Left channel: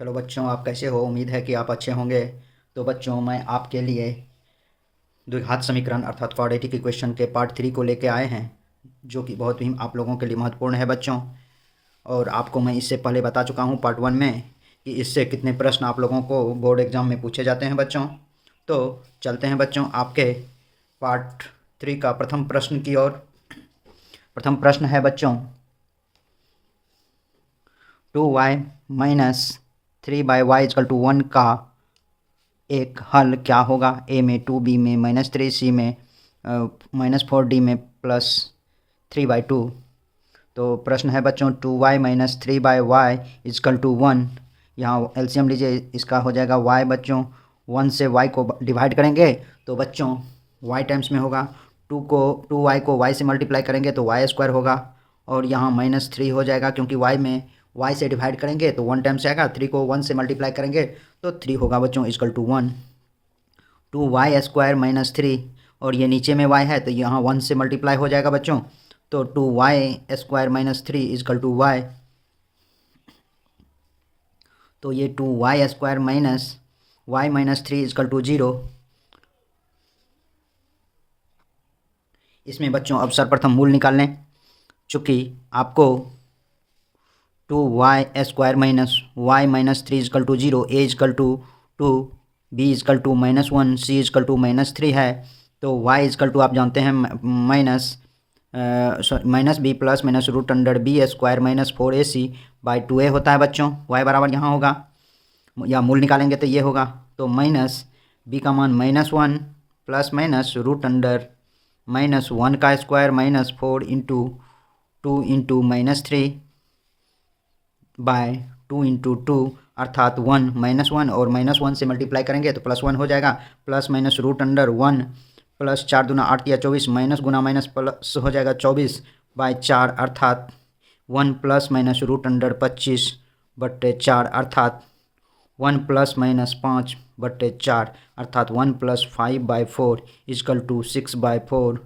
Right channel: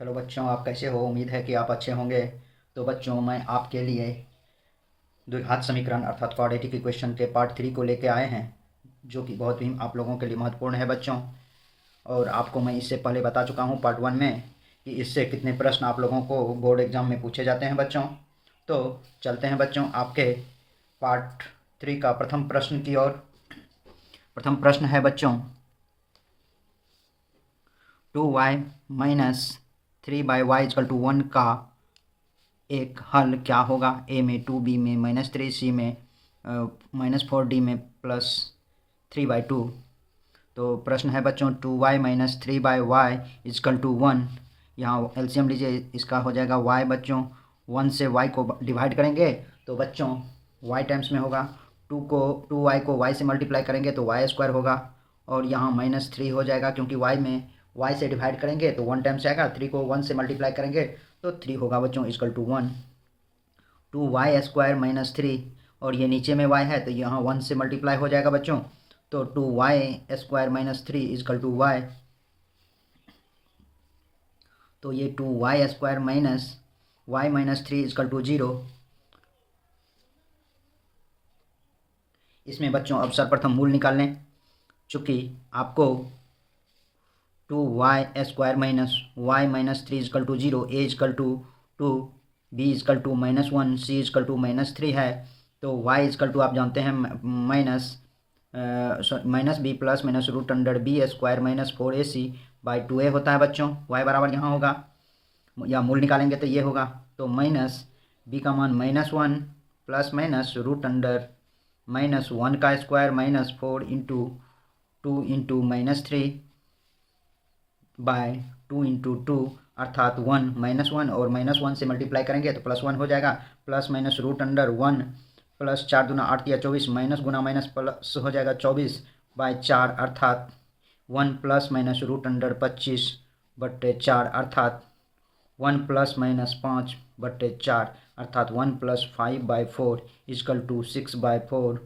Hello बच्चों, आप कैसे हो? उम्मीद है कि आप अच्छे होंगे। तो बच्चों, मैं आपके लिए द्विघात समीकरण अर्थात क्वाड्रेटिक इक्वेशन के पार्ट 3 को लेके आए हैं, जो कि बहुत ही आप लोगों के लिए महत्वपूर्ण है बच्चों। और आपको मैं इससे पहले बता चुका हूँ पार्ट 1 में कि इससे कितने प्रश्न आप लोगों को बोर्ड एग्जाम में पूछे जाते हैं बच्चों। तो चलते हैं बच्चों आपके पार्ट 3 का प्रथम प्रश्न की ओर। प्रथम प्रश्न है बच्चों, 2y माइनस 3/y = 1 का एक हल क्या होगा? ए में 2, बी में -3, सी में -4, डी में +3/2। तो प्रश्न है बच्चों 2y माइनस 3/y = 1। यहाँ एलसीएम लीजिए, इसका हो जाएगा y बच्चों। 1 से y को डिवाइड करेंगे तो बच्चों y टाइम्स में होगा। 2y को y से मल्टीप्लाई करेंगे तो y² होगा। और यहाँ -3 हो जाएगा, क्योंकि y में y से डिवाइड करेंगे तो 1 टाइम्स आएगा। 3 को 1 से मल्टीप्लाई करेंगे तो 3 होगा बच्चों, =1। 2y² - 3, और ये नीचे में y है तो यहाँ 1 से मल्टीप्लाई हो जाएगा बच्चों। तो 2y² - 3 = y। तो ये 2y² - y - 3 = 0। इसमें बच्चों अब सर्वप्रथम मूल निकाल लें। चूँकि आपको 2y² - y - 3 = 0, a = 2, b = -1, c = -3 है। तो y = आप जानते हैं -b प्लस -√b² - 4ac/2a होता है बच्चों। y बराबर यहाँ होगा, या मूल निकालेंगे तो ये होगा। तो b का मान -1 प्लस -√(-1 का स्क्वायर -4 इंटू 2 इंटू -3/2 इंटू 2 अर्थात 1 -1, और -1 से मल्टीप्लाई करेंगे तो +1 हो जाएगा। प्लस -√(1) प्लस 4 दूना 8 या 24, माइनस गुना माइनस प्लस हो जाएगा 24/4 अर्थात 1 प्लस -√25/4 अर्थात 1 प्लस -5/4 अर्थात 1 + 5/4 = 6/4।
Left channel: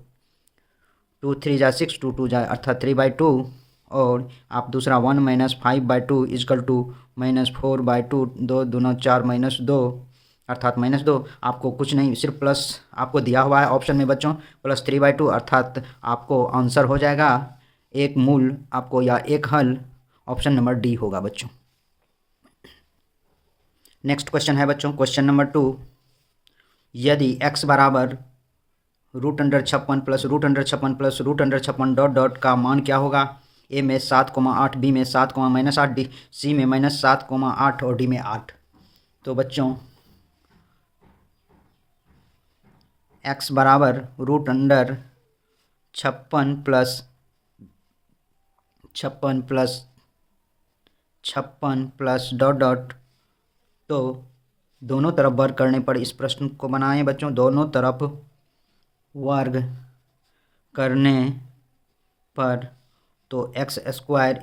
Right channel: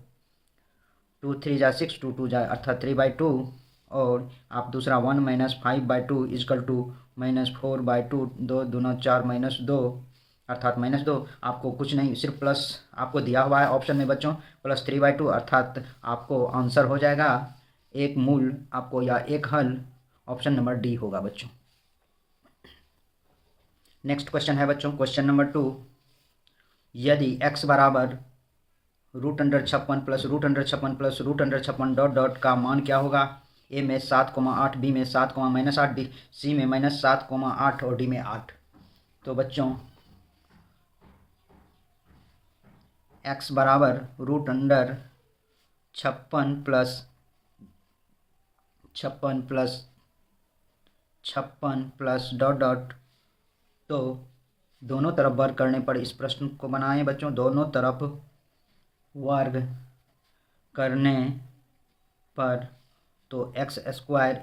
2 3 जा 6, 2 2 जा अर्थात 3/2। और आप दूसरा 1 - 5/2 = -4/2। 2 दूना 4 -2 अर्थात -2। आपको कुछ नहीं, सिर्फ प्लस आपको दिया हुआ है ऑप्शन में बच्चों, +3/2 अर्थात आपको आंसर हो जाएगा एक मूल आपको, या एक हल ऑप्शन नंबर डी होगा बच्चों। नेक्स्ट क्वेश्चन है बच्चों, क्वेश्चन नंबर 2। यदि x बराबर √56 प्लस √56 प्लस √56 डॉट डॉट का मान क्या होगा? ए में 7,8, बी में 7, -8, डी सी में -7,8 और डी में 8। तो बच्चों x बराबर √56 प्लस 56 प्लस डॉट डॉट। तो दोनों तरफ वर्ग करने पर इस प्रश्न को बनाएं बच्चों। दोनों तरफ वर्ग करने पर तो x² =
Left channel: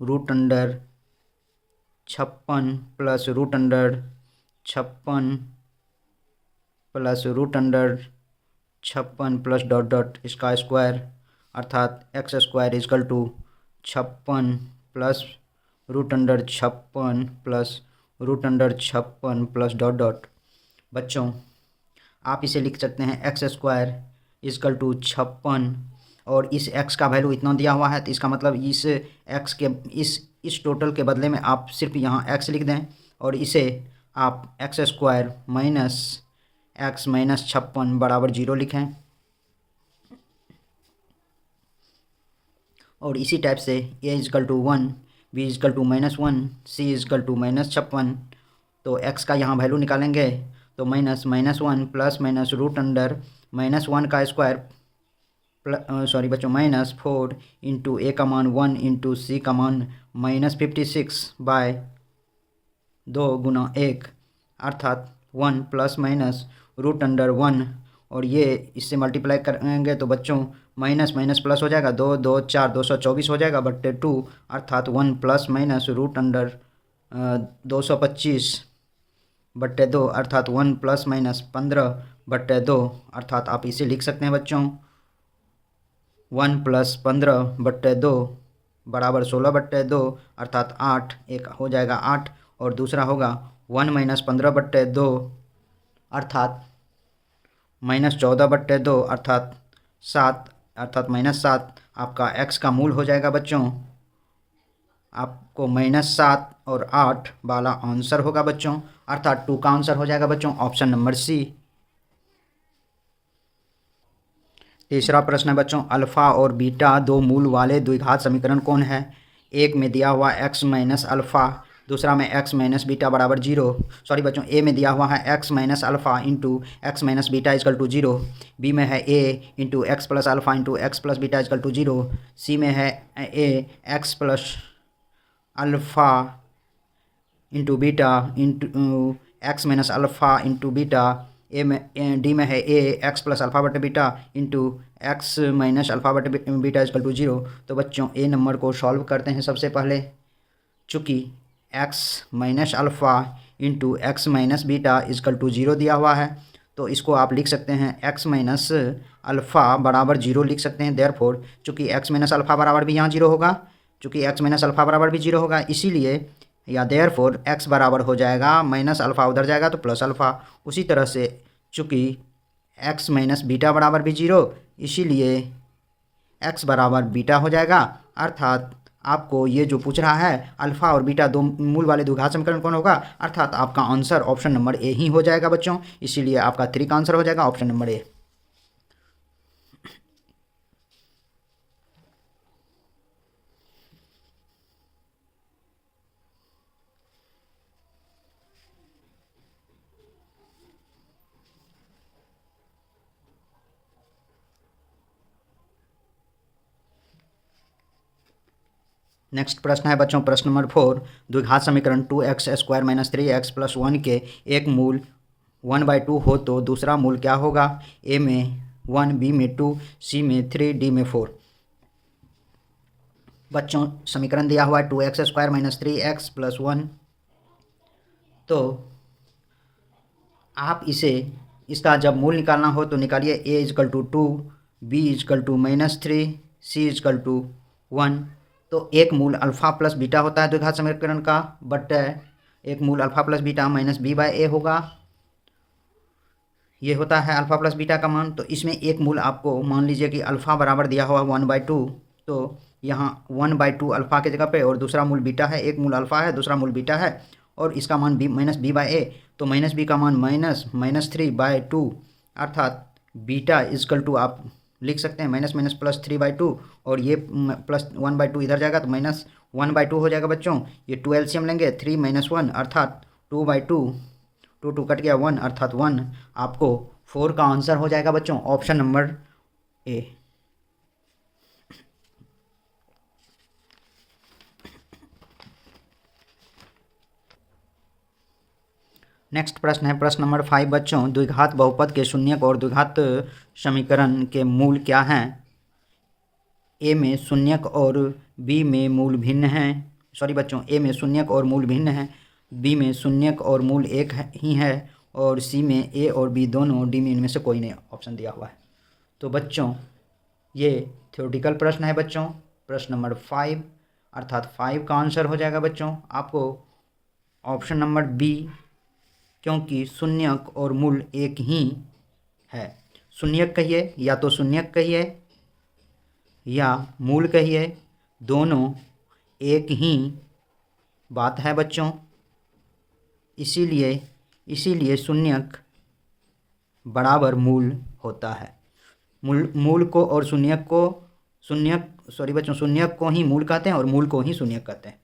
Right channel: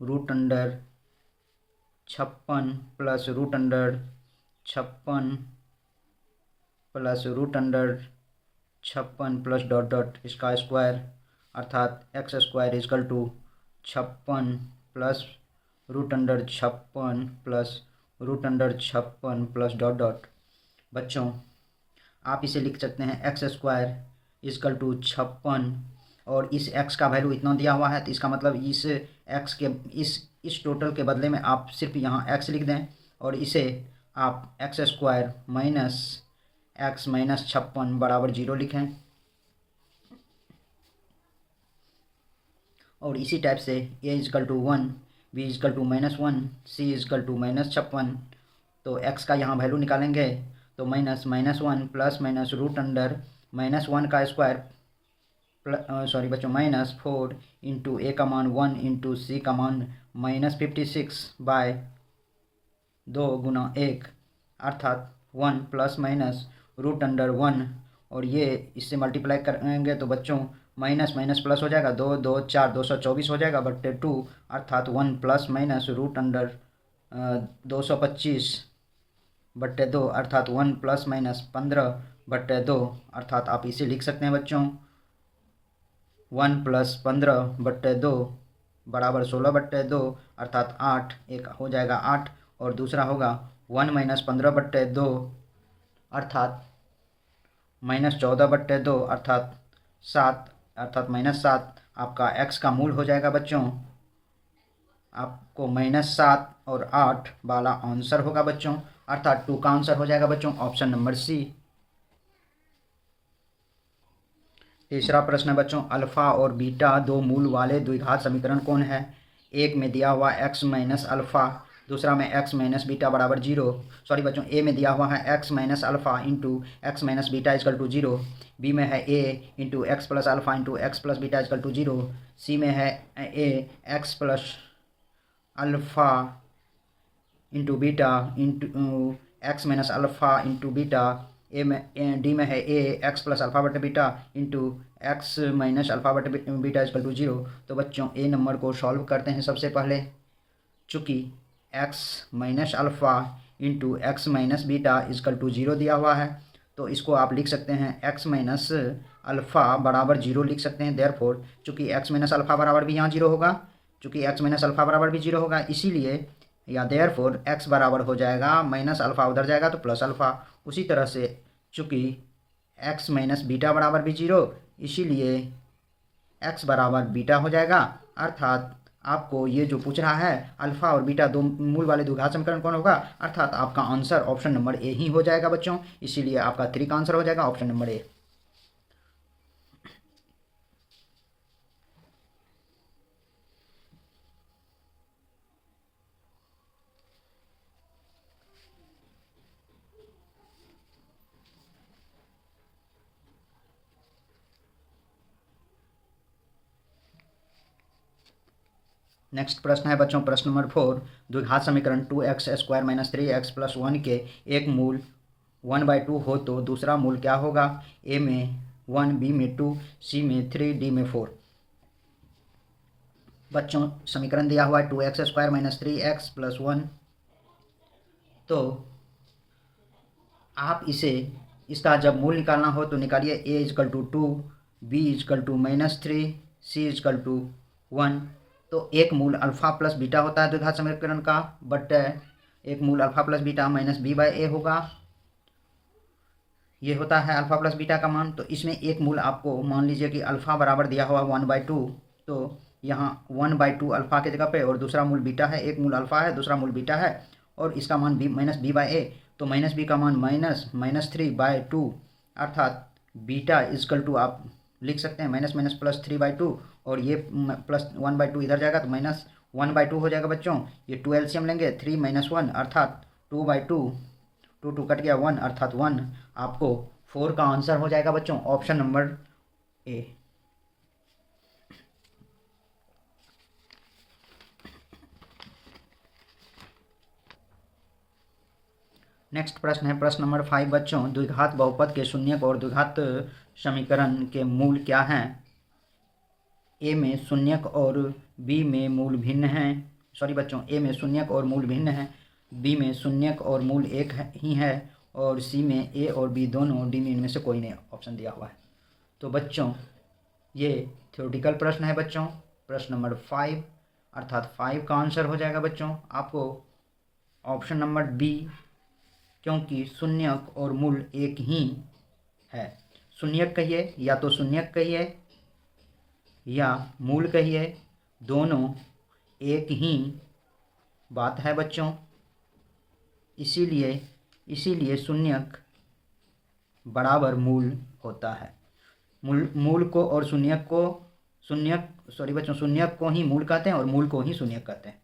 √56 plus √56 plus √56 plus dot dot इसका स्क्वायर अर्थात x² = 56 plus √56 plus √56 plus dot dot. बच्चों आप इसे लिख सकते हैं x² = 56, और इस x का वैल्यू इतना दिया हुआ है तो इसका मतलब इस x के इस टोटल के बदले में आप सिर्फ यहाँ x लिख दें, और इसे आप x² - x - 56 बराबर 0 लिखें। और इसी टाइप से a = 1, b = -1, c = -56। तो x का यहाँ वैल्यू निकालेंगे तो -1 प्लस -√(-1 का स्क्वायर सॉरी बच्चों -4 इंटू a का मान 1 इंटू c का मान -56/2 गुना 1 अर्थात 1 प्लस -√(1), और ये इससे मल्टीप्लाई करेंगे तो बच्चों माइनस माइनस प्लस हो जाएगा। 2 2 4 224 हो जाएगा बट्टे 2 अर्थात 1 प्लस -√(225/2 अर्थात 1 प्लस -15/2 अर्थात आप इसे लिख सकते हैं बच्चों 1 + 15/2 बराबर 16/2 अर्थात 8 एक हो जाएगा 8, और दूसरा होगा 1 माइनस 15/2 अर्थात -14/2 अर्थात 7 अर्थात -7 आपका x का मूल हो जाएगा बच्चों। आपको -7 और 8 वाला आंसर होगा बच्चों, अर्थात 2 का आंसर हो जाएगा बच्चों ऑप्शन नंबर सी। तीसरा प्रश्न है बच्चों, अल्फ़ा और बीटा दो मूल वाले द्विघात समीकरण कौन है? एक में दिया हुआ x माइनस अल्फ़ा, दूसरा में x माइनस बीटा बराबर 0। सॉरी बच्चों, ए में दिया हुआ है x minus alpha into x minus beta equal to 0, B में है a into x plus alpha into x plus beta equal to 0, C में है a x plus alpha into beta into x minus alpha into beta, D में है a x plus alpha बटे beta into x minus alpha बटे beta equal to 0। तो बच्चों ए number को solve करते हैं सबसे पहले। चूँकि x minus alpha into x minus beta equal to 0 दिया हुआ है, तो इसको आप लिख सकते हैं एक्स माइनस अल्फ़ा बराबर 0 लिख सकते हैं। देयरफॉर चूँकि एक्स माइनस अल्फ़ा बराबर भी यहाँ 0 होगा, चूँकि एक्स माइनस अल्फ़ा बराबर भी 0 होगा, इसीलिए या देयरफॉर एक्स बराबर हो जाएगा माइनस अल्फ़ा उधर जाएगा तो प्लस अल्फ़ा। उसी तरह से चूँकि एक्स माइनस बीटा बराबर भी 0, इसीलिए एक्स बराबर बीटा हो जाएगा। अर्थात आपको ये जो पूछ रहा है अल्फ़ा और बीटा दो मूल वाले द्विघात समीकरण कौन होगा, अर्थात आपका आंसर ऑप्शन नंबर ए ही हो जाएगा बच्चों। इसीलिए आपका 3 का आंसर हो जाएगा ऑप्शन नंबर ए। नेक्स्ट प्रश्न है बच्चों, प्रश्न नंबर 4, द्विघात समीकरण 2x² माइनस 3x प्लस 1 के एक मूल 1/2 हो तो दूसरा मूल क्या होगा? ए में 1, बी में 2, सी में 3, डी में 4। बच्चों समीकरण दिया हुआ है 2x² माइनस 3x प्लस 1, तो आप इसे इसका जब मूल निकालना हो तो निकालिए। a equal to 2, b equal to -3, c equal to 1। तो एक मूल अल्फ़ा प्लस बीटा होता है द्विघात समीकरण का, बट एक मूल alpha plus beta minus B by A होगा। ये होता है अल्फ़ा प्लस बीटा का मान। तो इसमें एक मूल आपको मान लीजिए कि अल्फ़ा बराबर दिया हुआ 1/2, तो यहाँ 1/2 अल्फ़ा की जगह पे और दूसरा मूल बीटा है, एक मूल अल्फ़ा है दूसरा मूल बीटा है और इसका मान बी माइनस बी बाय ए, तो माइनस बी का मान -3/2 अर्थात बीटा इजकल टू आप लिख सकते हैं माइनस माइनस प्लस 3/2 और ये प्लस 1/2 इधर जाएगा तो -1/2 हो जाएगा बच्चों। ये 2 एलसीएम लेंगे 3 - 1 अर्थात 2/2, 2 कट गया 1 अर्थात 1। आपको 4 का आंसर हो जाएगा बच्चों ऑप्शन नंबर ए। नेक्स्ट प्रश्न है प्रश्न नंबर 5 बच्चों, द्विघात बहुपद के शून्यक और द्विघात समीकरण के मूल क्या हैं? ए में शून्यक और बी में मूल भिन्न हैं। सॉरी बच्चों, ए में शून्यक और मूल भिन्न हैं, बी में शून्यक और मूल एक ही है और सी में ए और बी दोनों, डी में इनमें से कोई नहीं ऑप्शन दिया हुआ है। तो बच्चों ये थ्योरेटिकल प्रश्न है बच्चों, प्रश्न नंबर 5 अर्थात 5 का आंसर हो जाएगा बच्चों आपको ऑप्शन नंबर बी, क्योंकि शून्यक और मूल एक ही है। शून्यक कहिए या तो शून्यक कहिए या मूल कहिए, दोनों एक ही बात है बच्चों। इसीलिए शून्यक बराबर मूल होता है। मूल को और शून्यक को ही मूल कहते हैं और मूल को ही शून्यक कहते हैं।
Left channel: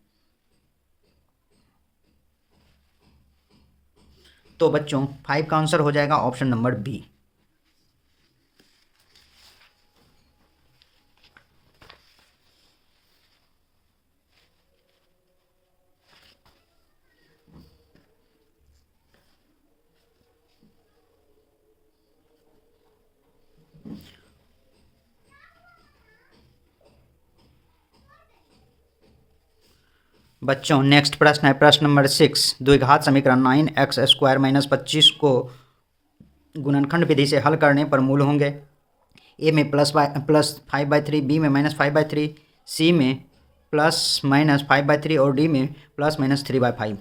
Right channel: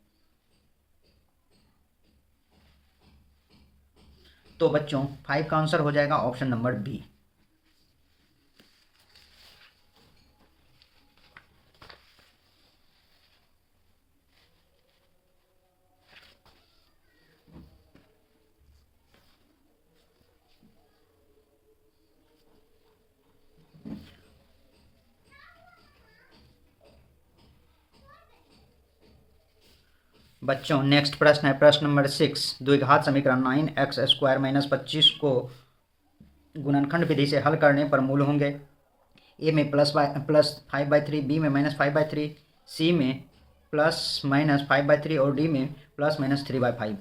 तो बच्चों 5 का आंसर हो जाएगा ऑप्शन नंबर बी। बच्चों नेक्स्ट प्रश्न है प्रश्न नंबर 6, द्विघात समीकरण 9x² माइनस 25 को गुणनखंड विधि से हल करने पर मूल होंगे। ए में +5/3, बी में -5/3, सी में +-5/3 और डी में +-3/5।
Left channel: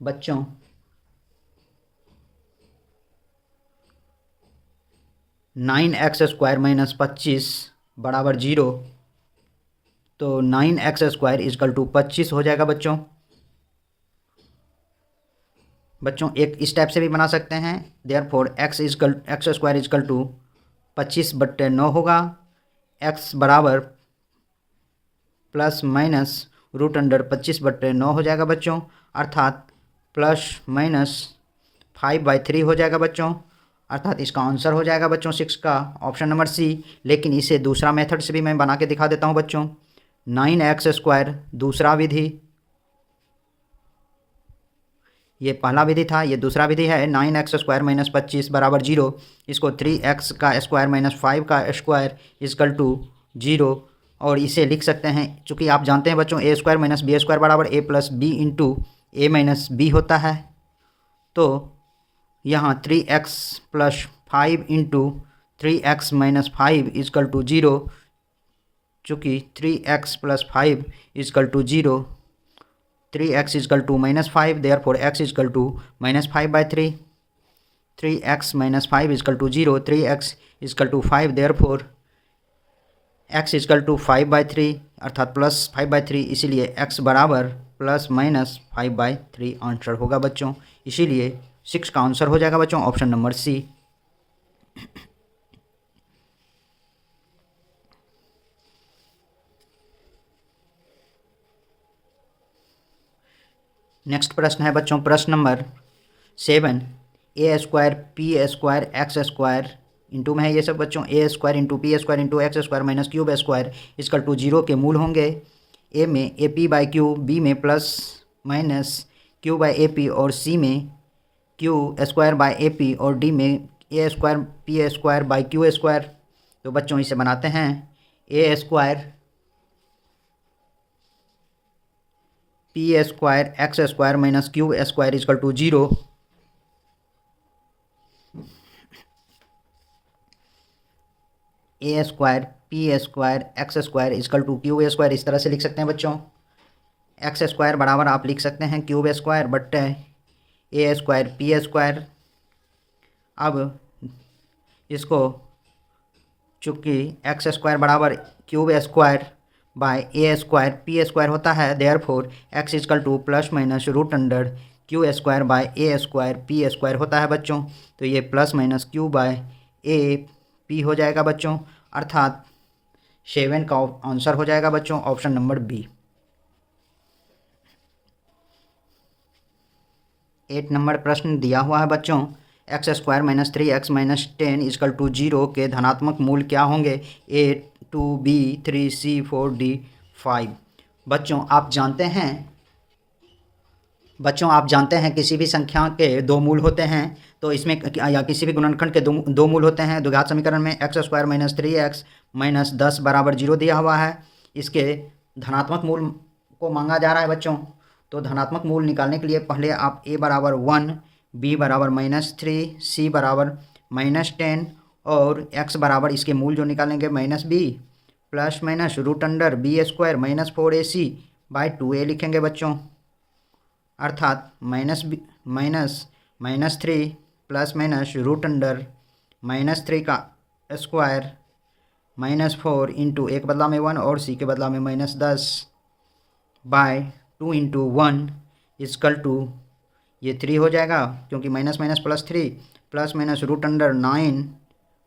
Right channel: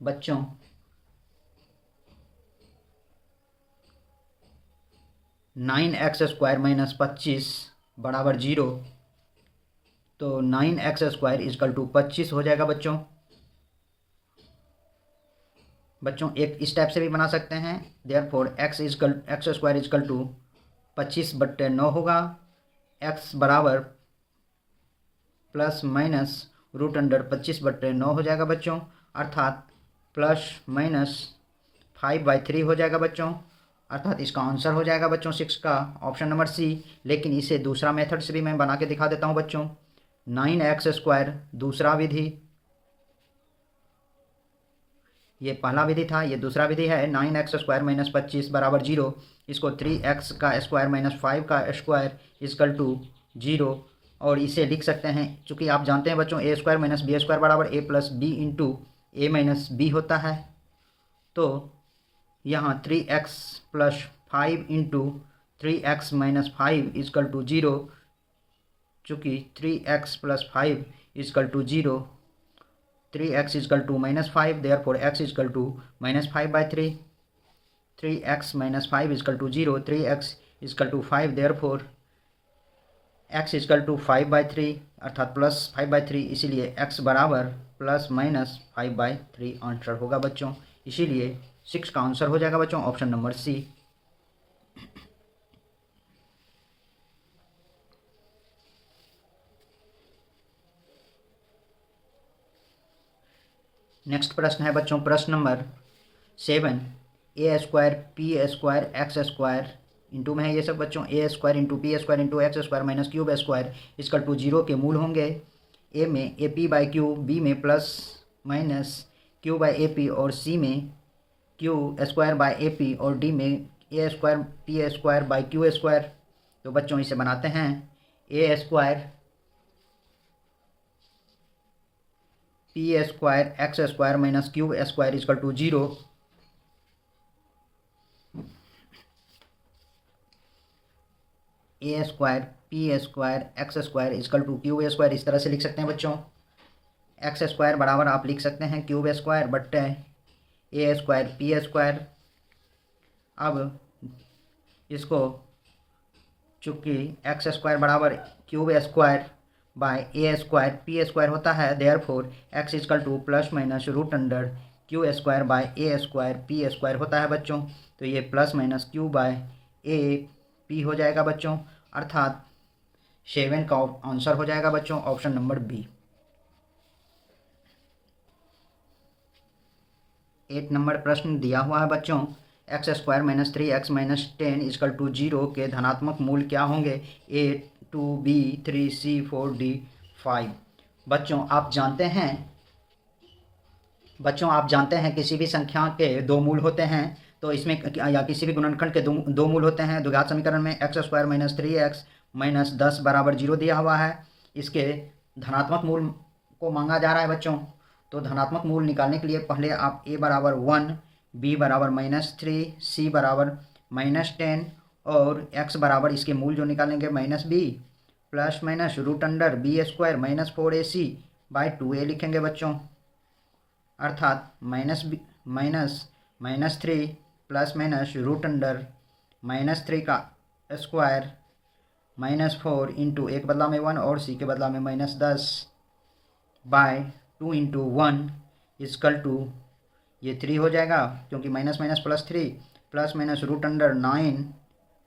बच्चों 9x² माइनस 25 बराबर 0, तो 9x² इजकल टू 25 हो जाएगा बच्चों। बच्चों एक इस टाइप से भी बना सकते हैं, देयरफॉर x² इजकल टू 25/9 होगा। x बराबर प्लस माइनस रूट अंडर 25/9 हो जाएगा बच्चों, अर्थात प्लस माइनस 5/3 हो जाएगा बच्चों, अर्थात इसका आंसर हो जाएगा बच्चों 6 का ऑप्शन नंबर सी। लेकिन इसे दूसरा मेथड से भी मैं बना के दिखा देता हूँ बच्चों। 9x² दूसरा विधि, ये पहला विधि था, ये दूसरा विधि है। 9x² माइनस 25 बराबर 0, इसको 3x² माइनस 5 का स्क्वायर इजकल टू 0, और इसे लिख सकते हैं, चूँकि आप जानते हैं बच्चों a² माइनस b² बराबर a plus b into a minus b होता है। तो यहाँ 3x plus 5 into 3x minus 5 equal to 0, चूँकि 3x plus 5 equal to 0, 3x equal to minus 5, therefore x equal to minus 5/3, 3x minus 5 equal to 0, 3x equal to 5, therefore x equal to 5/3 अर्थात plus 5/3, इसीलिए x बराबर plus minus 5/3 answer होगा बच्चों। इसीलिए 6 का answer हो जाएगा बच्चों ऑप्शन नंबर सी। नेक्स्ट प्रश्न है बच्चों प्रश्न number 7, a² p² x² into में है ये सब बच्चों। a² into p² into x² minus cube equal to 0 के मूल होंगे। a में AP/q, b में प्लस माइनस q/AP और c में q²/AP और d में a² p²/q²। तो बच्चों इसे बनाते हैं a² p² x² minus q² equal to 0, a² p² x² equal to q²। इस तरह से लिख सकते हैं बच्चों। x² बराबर आप लिख सकते हैं q² बट्टे a² p²। अब इसको चूँकि x² बराबर q² बाय a² p² होता है, therefore x equal to plus minus root under q² by a² p² होता है बच्चों। तो ये plus minus q by a p हो जाएगा बच्चों, अर्थात 7 का आंसर हो जाएगा बच्चों ऑप्शन नंबर बी। 8 नंबर प्रश्न दिया हुआ है बच्चों, x² minus 3x minus 10 is equal to 0 के धनात्मक मूल क्या होंगे? a 2 b 3 c 4 d 5। बच्चों आप जानते हैं किसी भी संख्या के दो मूल होते हैं, तो इसमें या किसी भी गुणनखंड के दो मूल होते हैं। द्विघात समीकरण में x² माइनस 3x माइनस 10 बराबर 0 दिया हुआ है, इसके धनात्मक मूल को मांगा जा रहा है बच्चों। तो धनात्मक मूल निकालने के लिए पहले आप a बराबर 1, b बराबर -3, c बराबर -10 और x बराबर इसके मूल जो निकालेंगे -b plus minus root under b² minus 4ac/2a लिखेंगे बच्चों, अर्थात -3 प्लस माइनस रूट अंडर -3 का स्क्वायर -4 इंटू a के बदला में 1 और c के बदला में -10/2 इंटू 1 इजकल टू ये 3 हो जाएगा, क्योंकि minus minus plus minus root under 9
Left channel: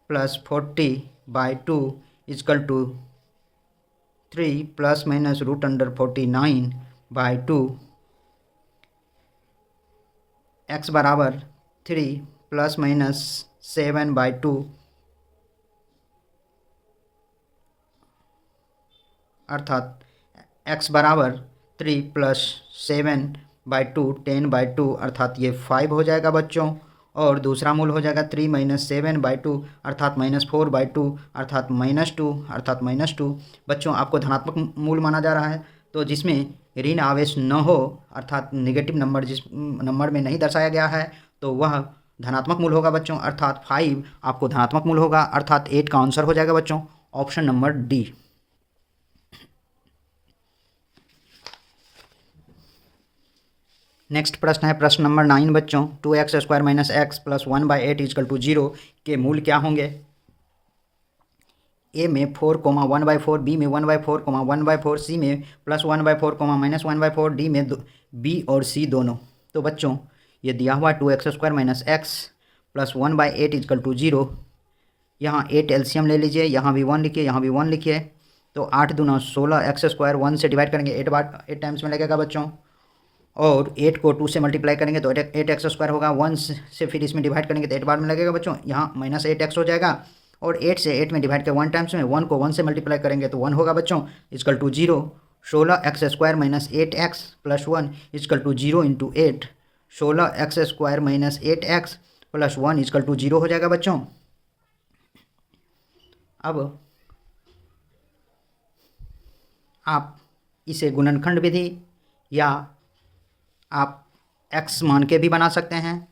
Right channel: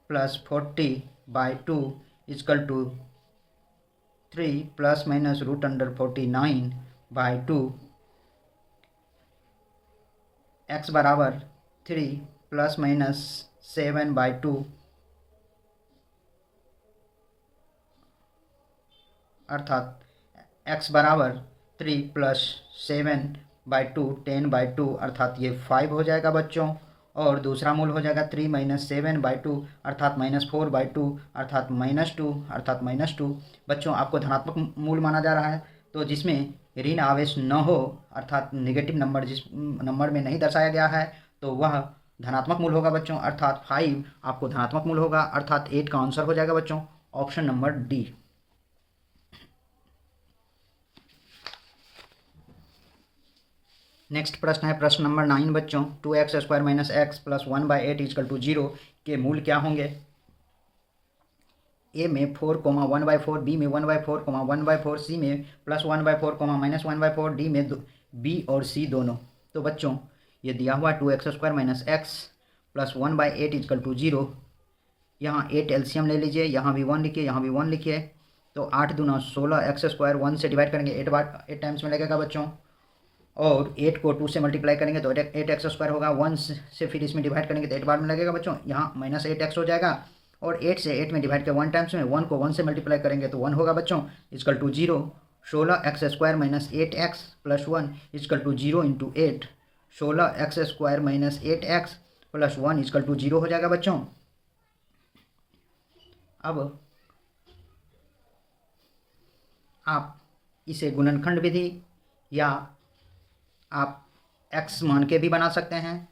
plus 40/2 equal to 3 plus minus root under 49/2। x बराबर 3 प्लस माइनस 7/2 अर्थात x बराबर 3 प्लस 7/2 10/2 अर्थात ये 5 हो जाएगा बच्चों। और दूसरा मूल हो जाएगा 3 माइनस 7/2 अर्थात -4/2 अर्थात -2 अर्थात -2। बच्चों आपको धनात्मक मूल माना जा रहा है, तो जिसमें ऋण आवेश न हो अर्थात नेगेटिव नंबर जिस नंबर में नहीं दर्शाया गया है तो वह धनात्मक मूल होगा बच्चों, अर्थात 5 आपको धनात्मक मूल होगा, अर्थात 8 का आंसर हो जाएगा बच्चों ऑप्शन नंबर डी। नेक्स्ट प्रश्न है प्रश्न नंबर 9 बच्चों। 2x² minus x plus 1/8 equal to 0 के मूल क्या होंगे? ए में 4, 1/4, बी में 1/4, 1/4, सी में +1/4, -1/4, डी में बी और सी दोनों। तो बच्चों ये दिया हुआ 2x² minus x plus 1/8 equal to 0। यहाँ 8 एलसीएम ले लीजिए, यहाँ भी 1 लिखिए, यहाँ भी 1 लिखिए। तो 8 दूना 16, x² 1 से डिवाइड करेंगे 8 टाइम्स में लगेगा बच्चों। और 8 को 2 से मल्टीप्लाई करेंगे तो 8x² होगा। 1 से फिर इसमें डिवाइड करेंगे तो 8 बार में लगेगा बच्चों। यहाँ -8x हो जाएगा। और 8 से 8 में डिवाइड कर 1 टाइम्स में, 1 को 1 से मल्टीप्लाई करेंगे तो 1 होगा बच्चों, equal to 0। 16x² minus 8x plus 1 equal to 0 into 8। 16x² minus 8x plus 1 equal to 0 हो जाएगा बच्चों। अब आप इसे गुणनखंड विधि या आप x मान के भी बना सकते हैं।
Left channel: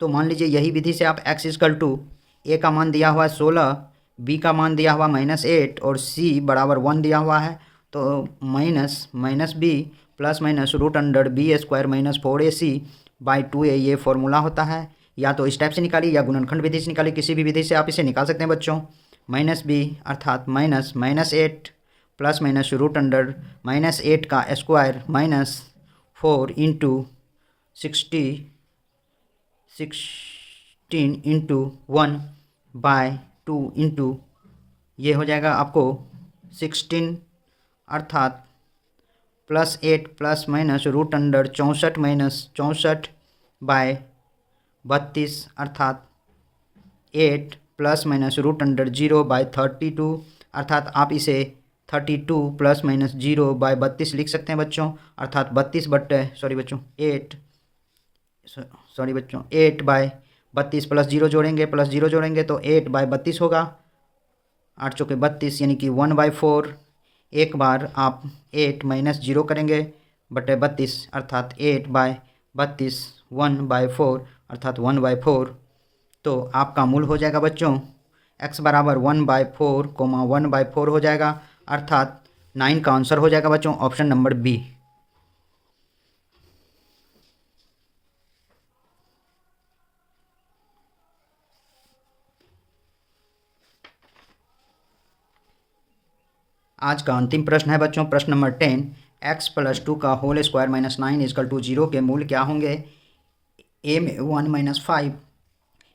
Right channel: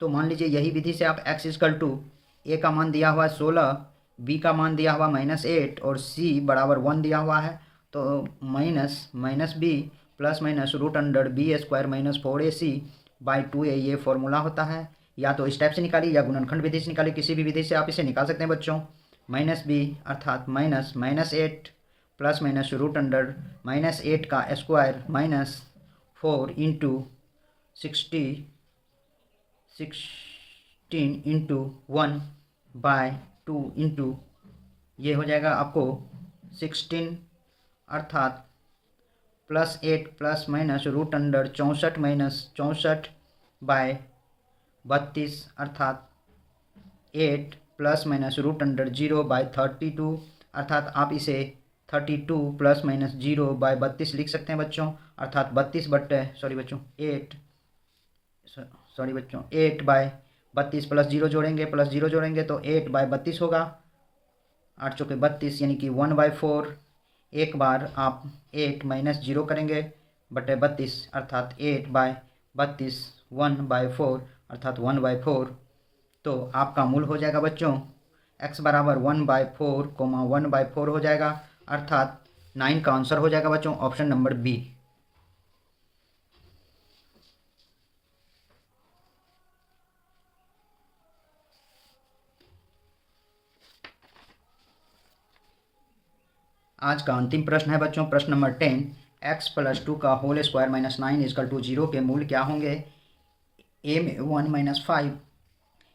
तो मान लीजिए यही विधि से आप x इजकल टू a का मान दिया हुआ है 16, b का मान दिया हुआ -8 और c बराबर 1 दिया हुआ है। तो minus b plus minus √b² minus 4ac/2a ये फॉर्मूला होता है। या तो इस टाइप से निकालिए या गुणनखंड विधि से निकालिए, किसी भी विधि से आप इसे निकाल सकते हैं बच्चों। -b अर्थात -8 प्लस माइनस √-8 का square minus 4 into 16 into 1/2 into ये हो जाएगा आपको 16 अर्थात +8 प्लस माइनस √64 माइनस 64/32 अर्थात 8 प्लस माइनस √0/32 अर्थात आप इसे 32 प्लस माइनस 0/32 लिख सकते हैं बच्चों। अर्थात 8/32 प्लस 0 जोड़ेंगे तो 8/32 होगा। 8 चौके 32 यानी कि 1/4। एक बार आप 8 माइनस 0 करेंगे बटे 32 अर्थात 8/32 1/4 अर्थात 1/4। तो आपका मूल हो जाएगा बच्चों x बराबर 1/4, 1/4 हो जाएगा। अर्थात 9 का आंसर हो जाएगा बच्चों ऑप्शन नंबर बी। आज का अंतिम प्रश्न है बच्चों प्रश्न नंबर 10। x + 2 का whole square minus 9 equal to 0 के मूल क्या होंगे? ए में 1 - 5,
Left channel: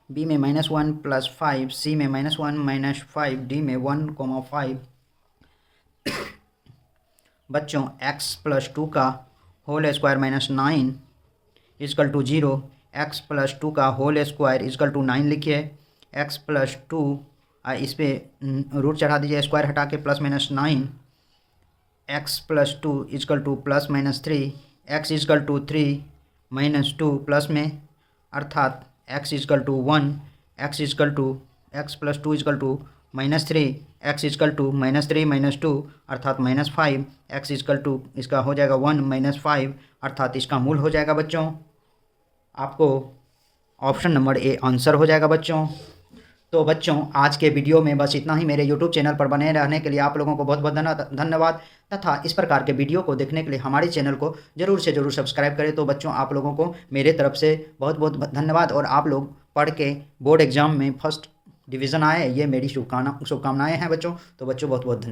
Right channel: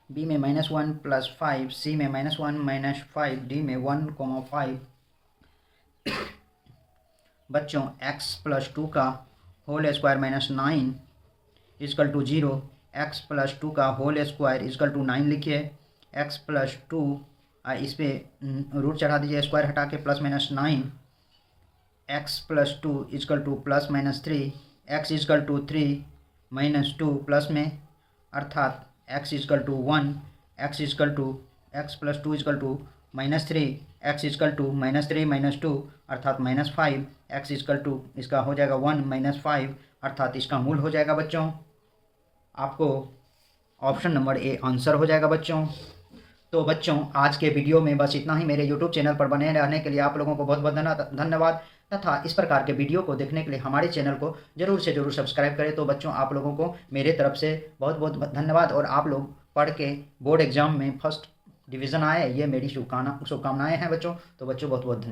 बी में -1 + 5, सी में -1 - 5, डी में 1, 5। बच्चों x + 2 का whole square minus 9 equal to 0। x + 2 का होल स्क्वायर इजकल टू 9 लिखिए। x + 2 इस पर रूट चढ़ा दीजिए, स्क्वायर हटा के +-9। x + 2 equal to +-3। x equal to 3 - 2 plus में अर्थात x equal to 1। x + 2 equal to -3। x equal to -3 - 2 अर्थात -5। x इजकल टू इसका हो जाएगा 1 - 5 अर्थात इसका मूल हो जाएगा बच्चों आपको ऑप्शन नंबर ए आंसर हो जाएगा बच्चों। तो बच्चों आज के वीडियो में बस इतना ही। मेरे यूट्यूब चैनल पर बने रहने के लिए आप लोगों को बहुत बहुत धन्यवाद तथा इस प्रकार के वीडियो को देखने के लिए हमारे चैनल को ज़रूर से ज़रूर सब्सक्राइब करें। तो बच्चों आप लोगों को मेरे तरफ से बहुत बहुत धन्यवाद। और आप लोग पढ़ के बोर्ड एग्ज़ाम में फर्स्ट डिवीज़न आए ये मेरी शुभकामनाएँ हैं बच्चों। तो बच्चों बहुत बहुत धन्यवाद।